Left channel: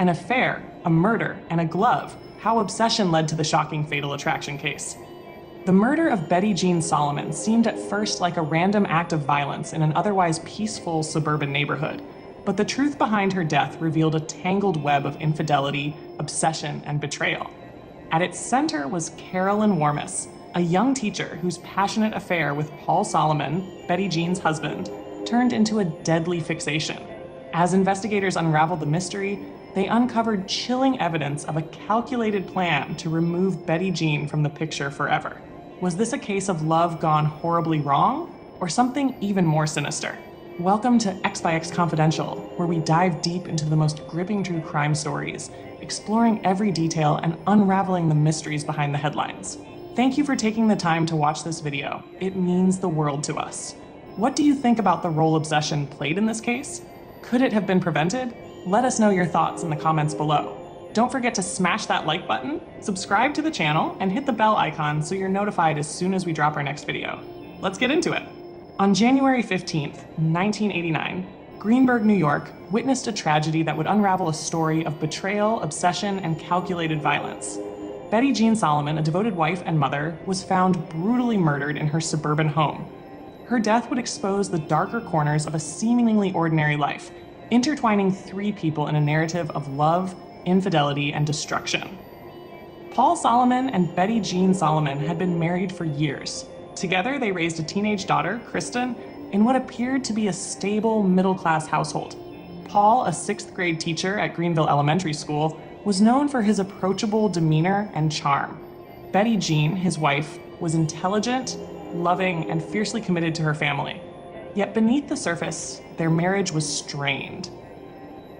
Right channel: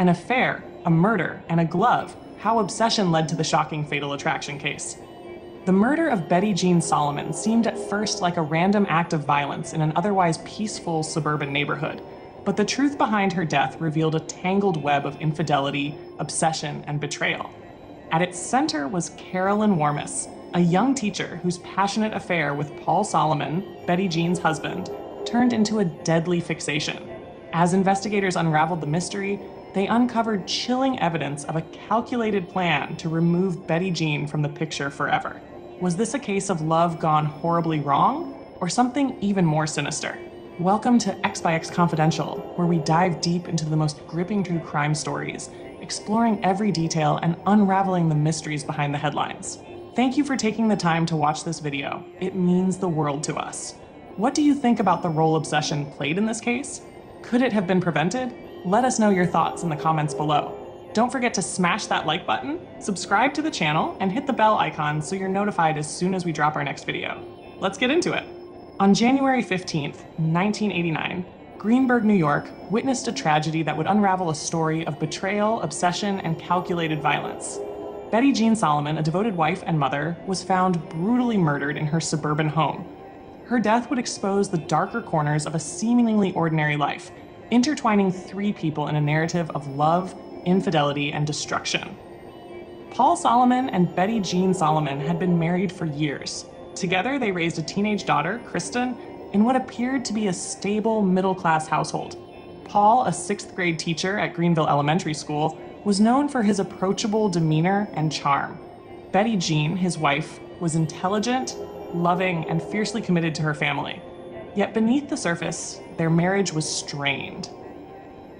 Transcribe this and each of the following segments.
An affair, a murder, and a glove. How obsession led to the shocking fatal attraction case. The murder of Betty Jeanne Solomon seemed at first like a random act of violence in an otherwise peaceful suburban neighborhood, but the truth behind her death revealed a tangled web of infidelity, obsession, and betrayal. At its center was Carolyn Warmus, a young teacher whose passionate affair with Paul Solomon, Betty Jeanne's husband, turned into a deadly fixation. As investigators unraveled the mystery, they uncovered chilling evidence of a calculated plan to remove Betty Jeanne from the picture forever. Was this a case of love gone horribly wrong, or something even more sinister? Welcome to X by X Confidential, where we dive deep into the most gripping true crime stories, exploring every detail and unraveling the mysteries behind the headlines. Thank you for taking the time to watch this video. It means the world to us. What do you think about the role obsession played in this case? Could it have been prevented? Let us know your thoughts in the comments below. Don't forget to smash that like button, subscribe to the channel, and hit the bell icon so you're notified as soon as we drop our next video. Let's get into it. On January 15th, 1989, Greenburgh, New York, witnessed a tragedy that would unravel a story of betrayal, obsession, and calculated violence. Betty Jeanne Solomon, a devoted wife and mother, was found brutally murdered in her suburban home. Her death would expose the darker corners of a seemingly ordinary life, intertwining three people in a narrative of love, infidelity, and destruction. Paul Solomon and Betty Jeanne Solomon had been married for years. Together, they raised a teenage daughter, Kristen, in what appeared to be a stable, middle-class household. Paul, a sixth-grade teacher at Greenville Elementary School, was known for his approachable demeanor and charm. Betty Jeanne, his wife, was intelligent, loving, and fiercely committed to her family. Yet beneath the surface, their marriage was strained.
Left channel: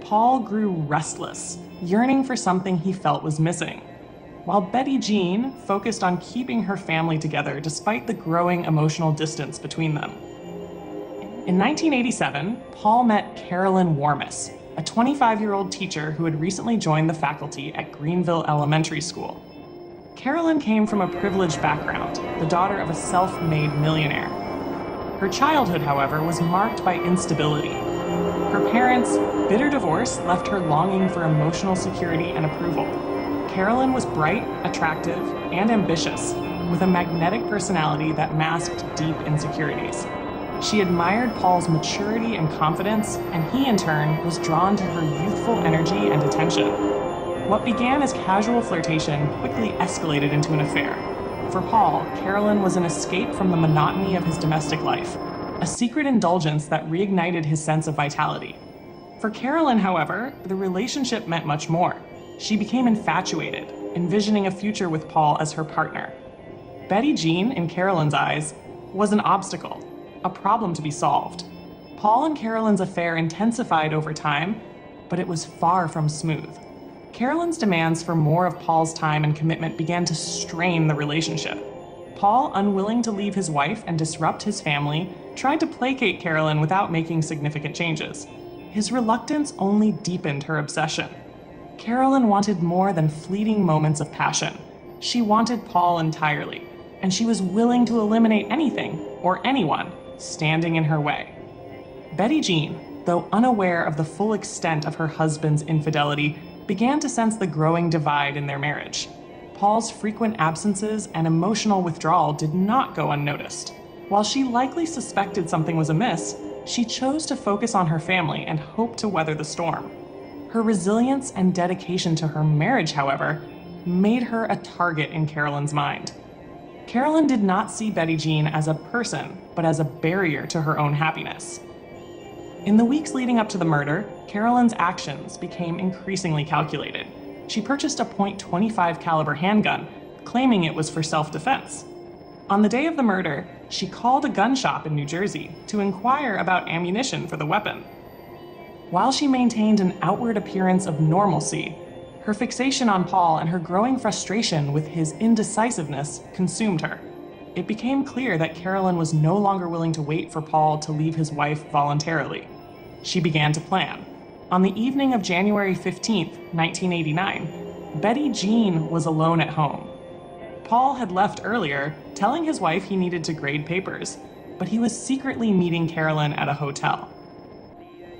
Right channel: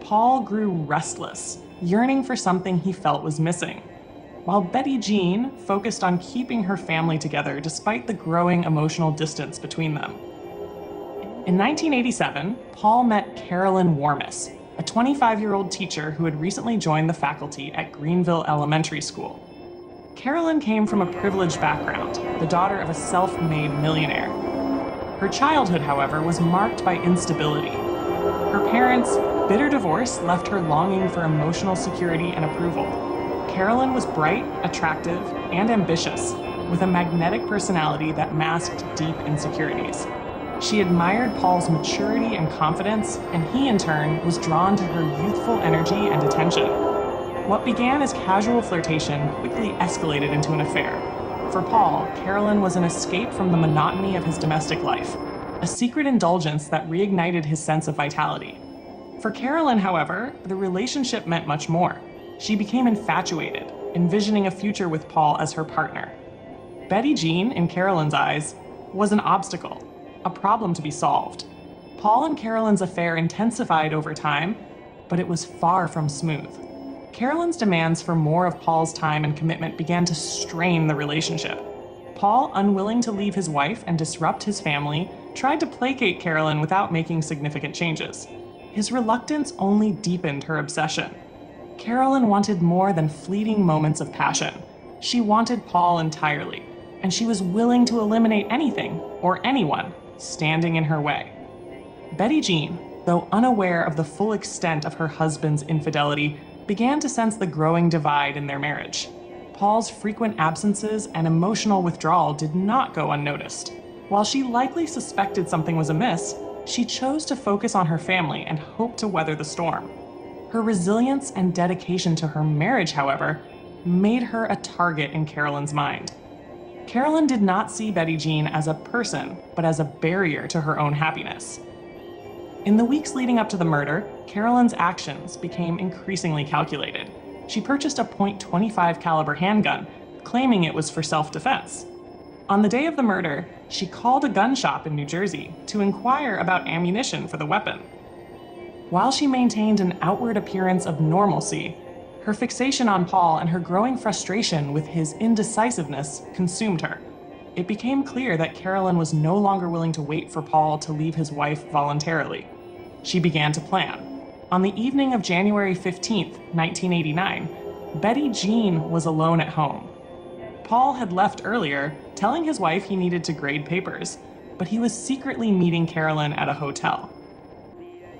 Paul grew restless, yearning for something he felt was missing, while Betty Jeanne focused on keeping her family together despite the growing emotional distance between them. In 1987, Paul met Carolyn Warmus, a 25-year-old teacher who had recently joined the faculty at Greenville Elementary School. Carolyn came from a privileged background, the daughter of a self-made millionaire. Her childhood, however, was marked by instability. Her parents' bitter divorce left her longing for emotional security and approval. Carolyn was bright, attractive, and ambitious, with a magnetic personality that masked deep insecurities. She admired Paul's maturity and confidence, and he, in turn, was drawn to her youthful energy and attention. What began as casual flirtation quickly escalated into an affair. For Paul, Carolyn was an escape from the monotony of his domestic life, a secret indulgence that reignited his sense of vitality. For Carolyn, however, the relationship meant much more. She became infatuated, envisioning a future with Paul as her partner. Betty Jeanne, in Carolyn's eyes, was an obstacle, a problem to be solved. Paul and Carolyn's affair intensified over time, but it was far from smooth. Carolyn's demands for more of Paul's time and commitment began to strain the relationship. Paul, unwilling to leave his wife and disrupt his family, tried to placate Carolyn without making significant changes. His reluctance only deepened her obsession. Carolyn wanted more than fleeting moments of passion. She wanted Paul entirely, and she was willing to eliminate anything or anyone standing in her way. Betty Jeanne, though unaware of the full extent of her husband's infidelity, began to sense the growing divide in their marriage. Paul's frequent absences and emotional withdrawal did not go unnoticed. While she likely suspected something was amiss, she chose to focus on her family and hope to weather the storm. Her resilience and dedication to her marriage, however, made her a target in Carolyn's mind. Carolyn did not see Betty Jeanne as a person, but as a barrier to her own happiness. In the weeks leading up to the murder, Carolyn's actions became increasingly calculated. She purchased a .25 caliber handgun, claiming it was for self-defense. On the day of the murder, she called a gun shop in New Jersey to inquire about ammunition for the weapon. While she maintained an outward appearance of normalcy, her fixation on Paul and her growing frustration with his indecisiveness consumed her. It became clear that Carolyn was no longer willing to wait for Paul to leave his wife voluntarily. She began to plan. On the evening of January 15th, 1989, Betty Jeanne was alone at home. Paul had left earlier, telling his wife he needed to grade papers, but he was secretly meeting Carolyn at a hotel.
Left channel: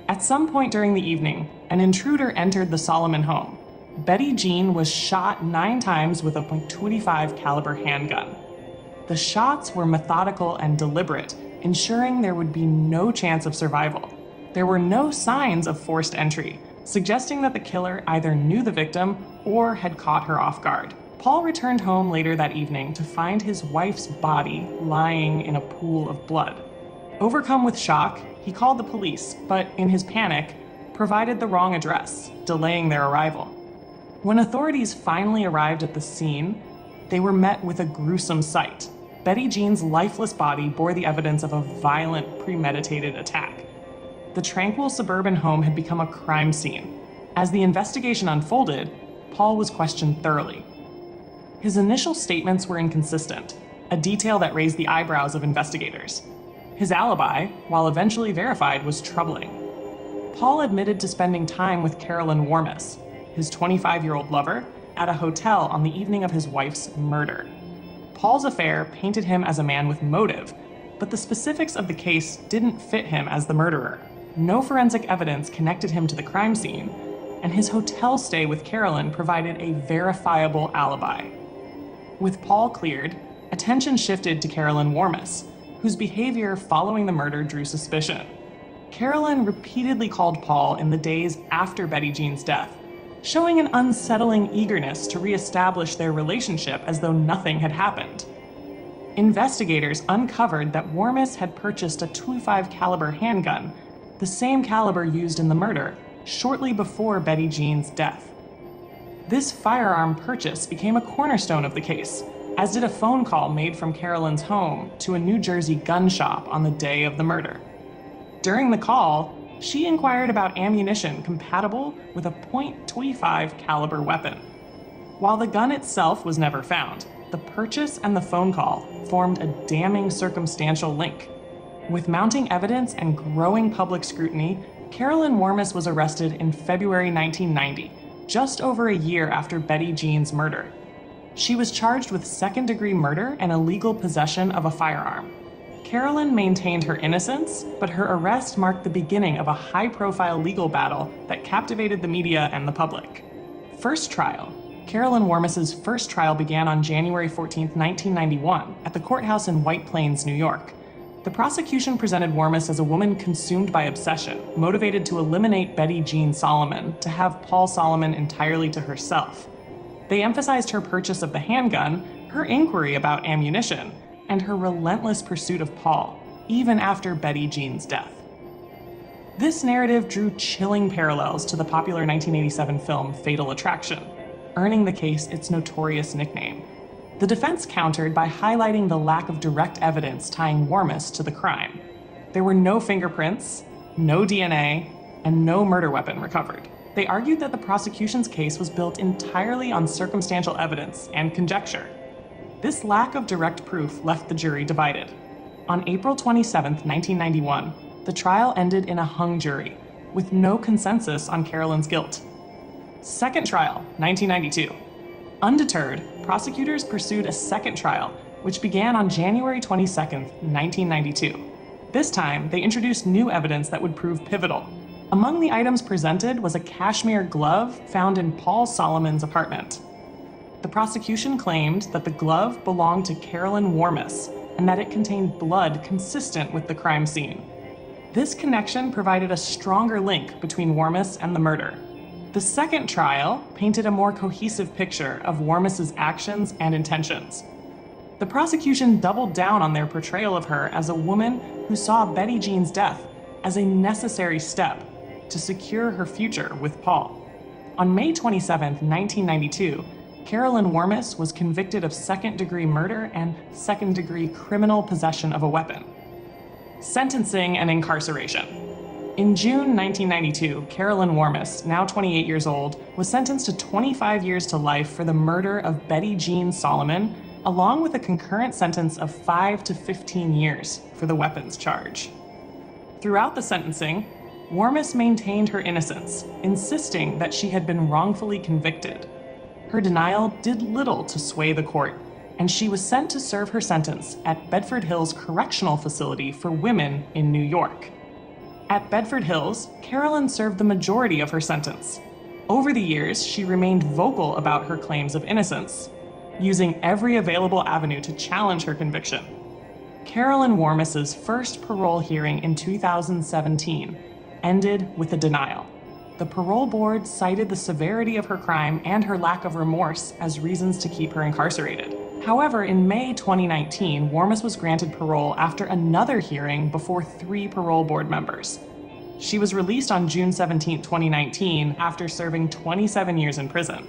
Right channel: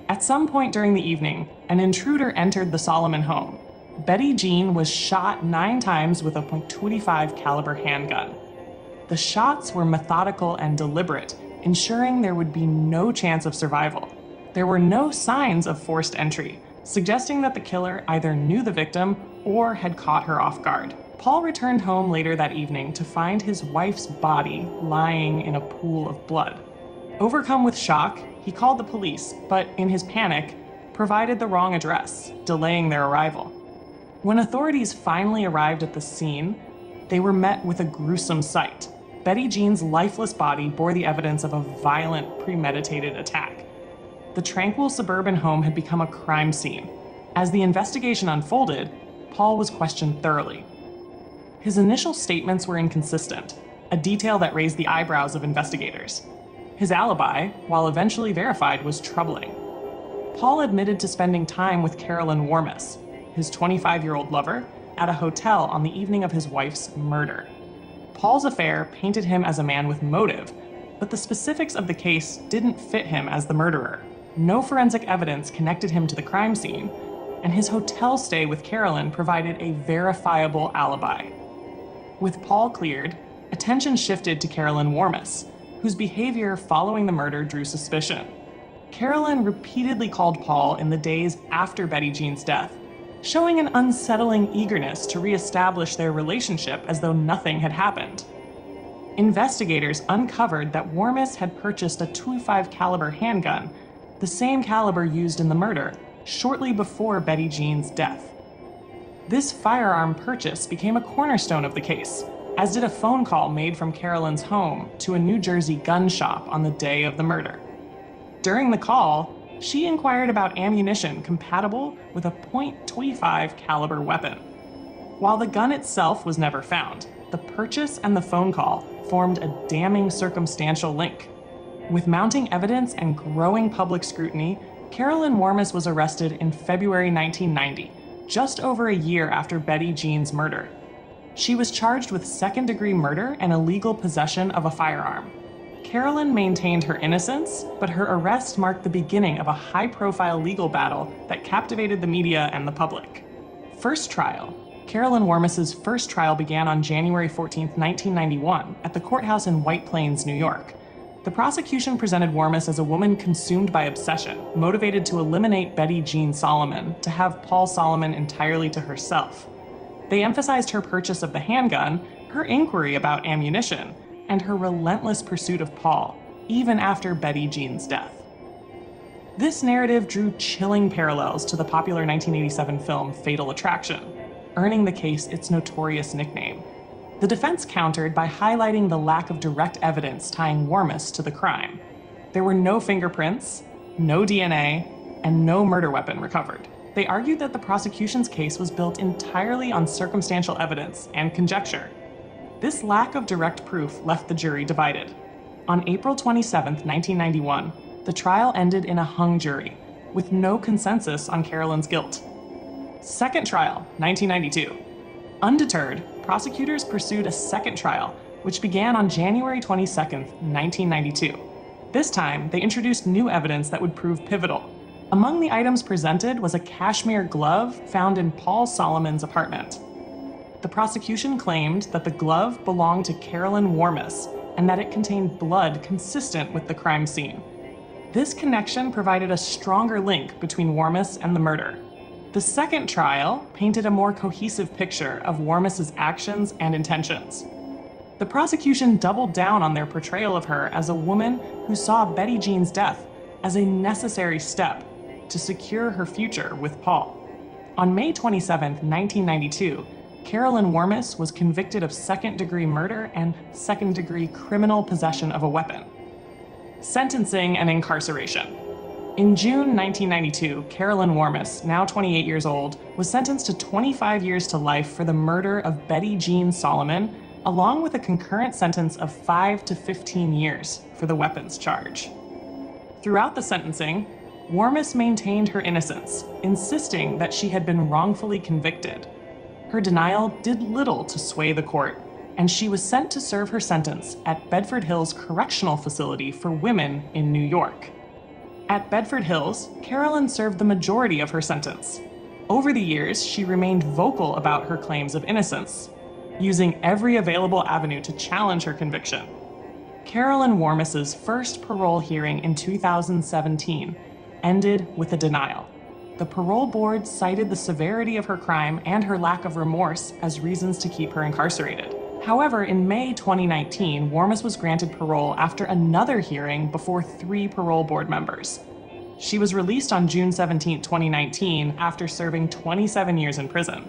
At At some point during the evening, an intruder entered the Solomon home. Betty Jeanne was shot 9 times with a .25 caliber handgun. The shots were methodical and deliberate, ensuring there would be no chance of survival. There were no signs of forced entry, suggesting that the killer either knew the victim or had caught her off guard. Paul returned home later that evening to find his wife's body lying in a pool of blood. Overcome with shock, he called the police, but in his panic, provided the wrong address, delaying their arrival. When authorities finally arrived at the scene, they were met with a gruesome sight. Betty Jeanne's lifeless body bore the evidence of a violent, premeditated attack. The tranquil suburban home had become a crime scene. As the investigation unfolded, Paul was questioned thoroughly. His initial statements were inconsistent, a detail that raised the eyebrows of investigators. His alibi, while eventually verified, was troubling. Paul admitted to spending time with Carolyn Warmus, his 25-year-old lover, at a hotel on the evening of his wife's murder. Paul's affair painted him as a man with motive, but the specifics of the case didn't fit him as the murderer. No forensic evidence connected him to the crime scene, and his hotel stay with Carolyn provided a verifiable alibi. With Paul cleared, attention shifted to Carolyn Warmus, whose behavior following the murder drew suspicion. Carolyn repeatedly called Paul in the days after Betty Jeanne's death, showing an unsettling eagerness to reestablish their relationship as though nothing had happened. Investigators uncovered that Warmus had purchased a .25 caliber handgun, the same caliber used in the murder, shortly before Betty Jeanne's death. This firearm purchase became a cornerstone of the case, as did a phone call made from Carolyn's home to a New Jersey gun shop on the day of the murder. During the call, she inquired about ammunition compatible with a .25 caliber weapon. While the gun itself was never found, the purchase and the phone call formed a damning circumstantial link. With mounting evidence and growing public scrutiny, Carolyn Warmus was arrested in February 1990, just over a year after Betty Jeanne's murder. She was charged with second-degree murder and illegal possession of a firearm. Carolyn maintained her innocence, but her arrest marked the beginning of a high-profile legal battle that captivated the media and the public. First trial. Carolyn Warmus's first trial began on January 14, 1991, at the courthouse in White Plains, New York. The prosecution presented Warmus as a woman consumed by obsession, motivated to eliminate Betty Jeanne Solomon, to have Paul Solomon entirely to herself. They emphasized her purchase of the handgun, her inquiry about ammunition, and her relentless pursuit of Paul, even after Betty Jeanne's death. This narrative drew chilling parallels to the popular 1987 film Fatal Attraction, earning the case its notorious nickname. The defense countered by highlighting the lack of direct evidence tying Warmus to the crime. There were no fingerprints, no DNA, and no murder weapon recovered. They argued that the prosecution's case was built entirely on circumstantial evidence and conjecture. This lack of direct proof left the jury divided. On April 27, 1991, the trial ended in a hung jury, with no consensus on Carolyn's guilt. Second trial, 1992. Undeterred, prosecutors pursued a second trial, which began on January 22, 1992. This time, they introduced new evidence that would prove pivotal. Among the items presented was a cashmere glove found in Paul Solomon's apartment. The prosecution claimed that the glove belonged to Carolyn Warmus and that it contained blood consistent with the crime scene. This connection provided a stronger link between Warmus and the murder. The second trial painted a more cohesive picture of Warmus's actions and intentions. The prosecution doubled down on their portrayal of her as a woman who saw Betty Jeanne's death as a necessary step to secure her future with Paul. On May 27, 1992, Carolyn Warmus was convicted of second-degree murder and second-degree criminal possession of a weapon. Sentencing and incarceration. In June 1992, Carolyn Warmus, now 28 years old, was sentenced to 25 years to life for the murder of Betty Jeanne Solomon, along with a concurrent sentence of 5 to 15 years for the weapons charge. Throughout the sentencing, Warmus maintained her innocence, insisting that she had been wrongfully convicted. Her denial did little to sway the court, and she was sent to serve her sentence at Bedford Hills Correctional Facility for Women in New York. At Bedford Hills, Carolyn served the majority of her sentence. Over the years, she remained vocal about her claims of innocence, using every available avenue to challenge her conviction. Carolyn Warmus's first parole hearing in 2017 ended with a denial. The parole board cited the severity of her crime and her lack of remorse as reasons to keep her incarcerated. However, in May 2019, Warmus was granted parole after another hearing before 3 parole board members. She was released on June 17, 2019, after serving 27 years in prison.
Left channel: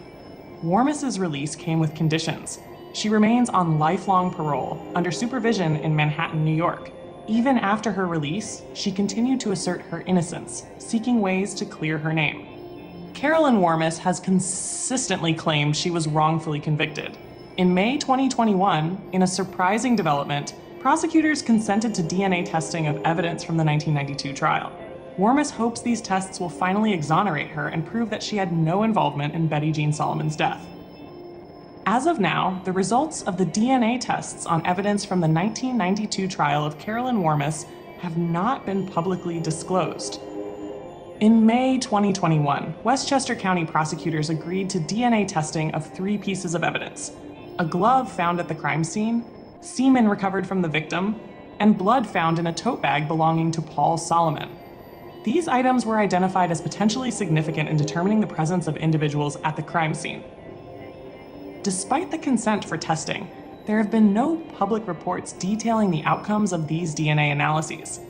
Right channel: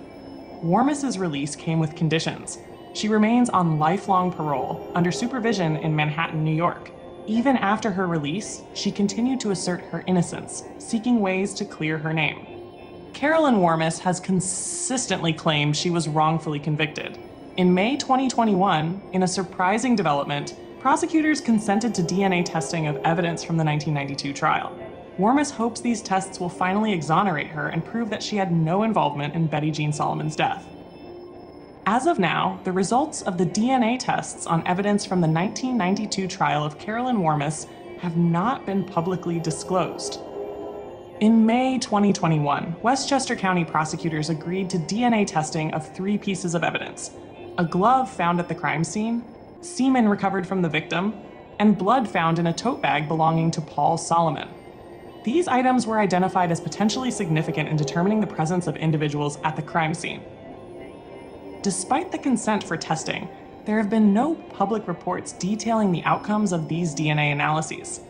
Warmus's release came with conditions. She remains on lifelong parole under supervision in Manhattan, New York. Even after her release, she continued to assert her innocence, seeking ways to clear her name. Carolyn Warmus has consistently claimed she was wrongfully convicted. In May 2021, in a surprising development, prosecutors consented to DNA testing of evidence from the 1992 trial. Warmus hopes these tests will finally exonerate her and prove that she had no involvement in Betty Jeanne Solomon's death. As of now, the results of the DNA tests on evidence from the 1992 trial of Carolyn Warmus have not been publicly disclosed. In May 2021, Westchester County prosecutors agreed to DNA testing of 3 pieces of evidence: a glove found at the crime scene, semen recovered from the victim, and blood found in a tote bag belonging to Paul Solomon. These items were identified as potentially significant in determining the presence of individuals at the crime scene. Despite the consent for testing, there have been no public reports detailing the outcomes of these DNA analyses.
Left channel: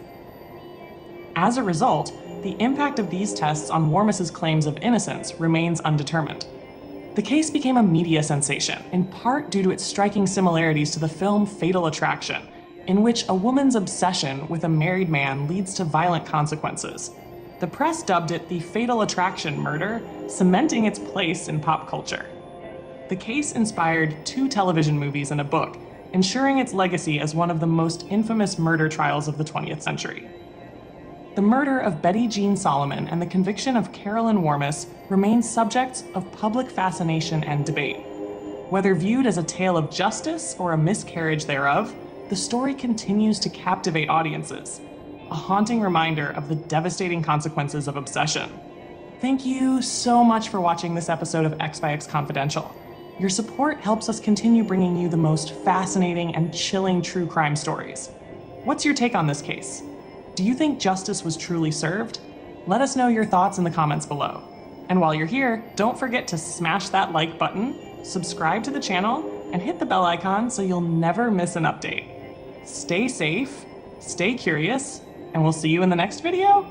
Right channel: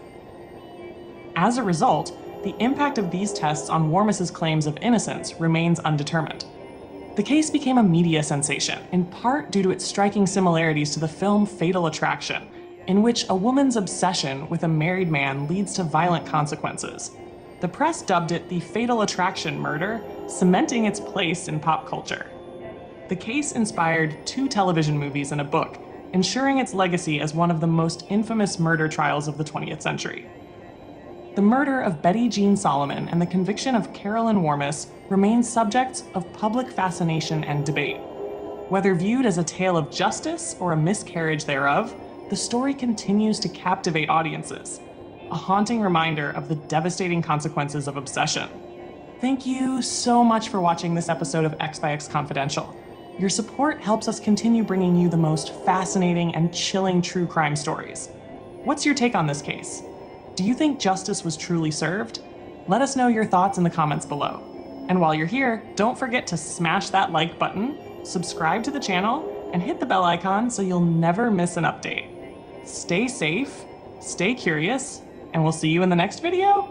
As a result, the impact of these tests on Warmus's claims of innocence remains undetermined. The case became a media sensation, in part due to its striking similarities to the film Fatal Attraction, in which a woman's obsession with a married man leads to violent consequences. The press dubbed it the Fatal Attraction murder, cementing its place in pop culture. The case inspired 2 television movies and a book, ensuring its legacy as one of the most infamous murder trials of the 20th century. The murder of Betty Jeanne Solomon and the conviction of Carolyn Warmus remain subjects of public fascination and debate. Whether viewed as a tale of justice or a miscarriage thereof, the story continues to captivate audiences, a haunting reminder of the devastating consequences of obsession. Thank you so much for watching this episode of X by X Confidential. Your support helps us continue bringing you the most fascinating and chilling true crime stories. What's your take on this case? Do you think justice was truly served? Let us know your thoughts in the comments below. And while you're here, don't forget to smash that like button, subscribe to the channel, and hit the bell icon so you'll never miss an update. Stay safe, stay curious, and we'll see you in the next video.